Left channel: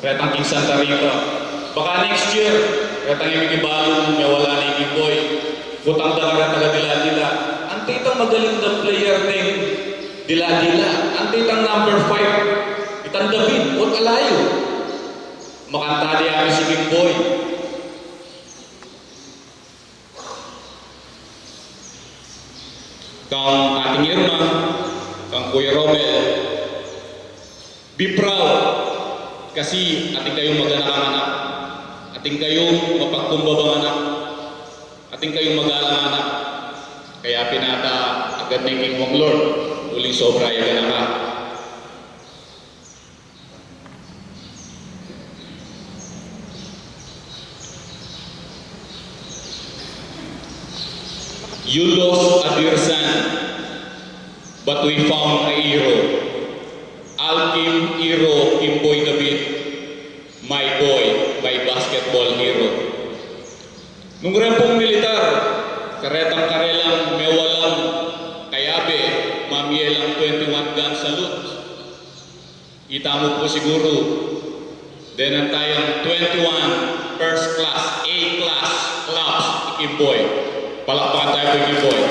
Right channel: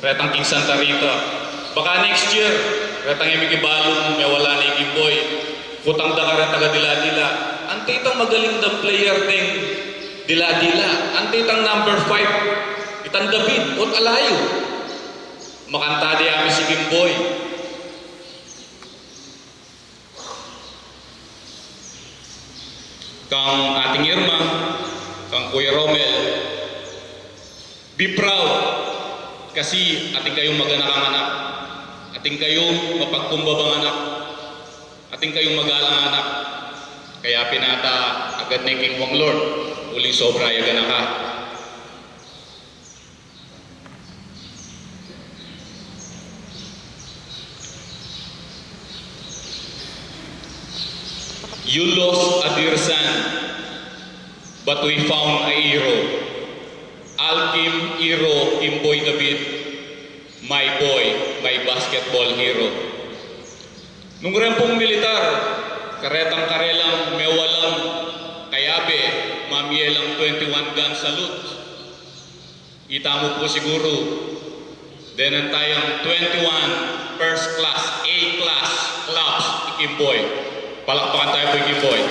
retang King Santa Rita. Baka next year, retang imigibalong may wala na Ikiboy. Kutang da ka taga dila-dila. Ante itang magaling na player ng dila-dila. Ante itang number 5. Itang David, ot alayo. Makanta di kami si Kimboy. Kang ating Irma, kang Kuya Romel, be proud kasi ating kayong maganak anak, ating kayong mapagkumbabang anak, ating kayong magalang anak. Kaya pinata agad ni King Wong Lord, uling sobra yagan ka. You lost a dear son, but we found a hero. Alkim Hero Kimboy David, my boy, my basketball hero. Nung rempong militar, karetang karelang mewalang kayabe, mamielang 21 gun salute. Kita mo po siguro, denan tayong 21 first class, A-class clubs, Kimboy. Palakpakan tayo po yung Kimboy.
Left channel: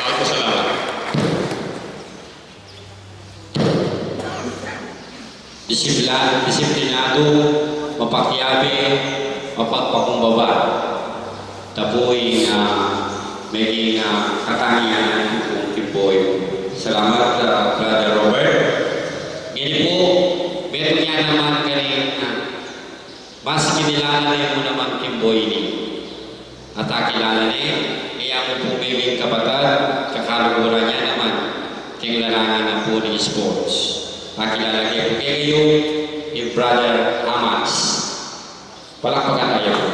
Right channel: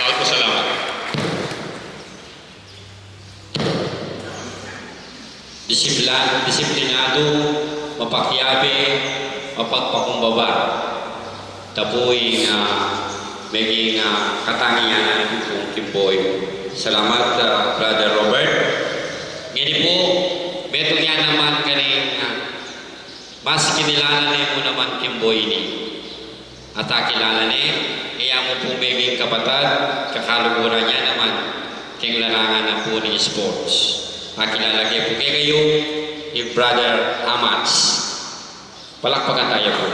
Dahil po salamat. Disiplinado, mapakyabe, mapagpakumbaba. Tapoy maging katangian kong Kimboy. Salamat, Brother Robert. Ngayon po, beto niya naman kaning mas kinilala mo naman Kimboy ni. At kilala ni, kaya mo po may kapatid, kakaluguran niya naman, kaya larangan na po ni sports. Kilala niya po kayo, ni Brother Hamats. Palakpakan tayo po.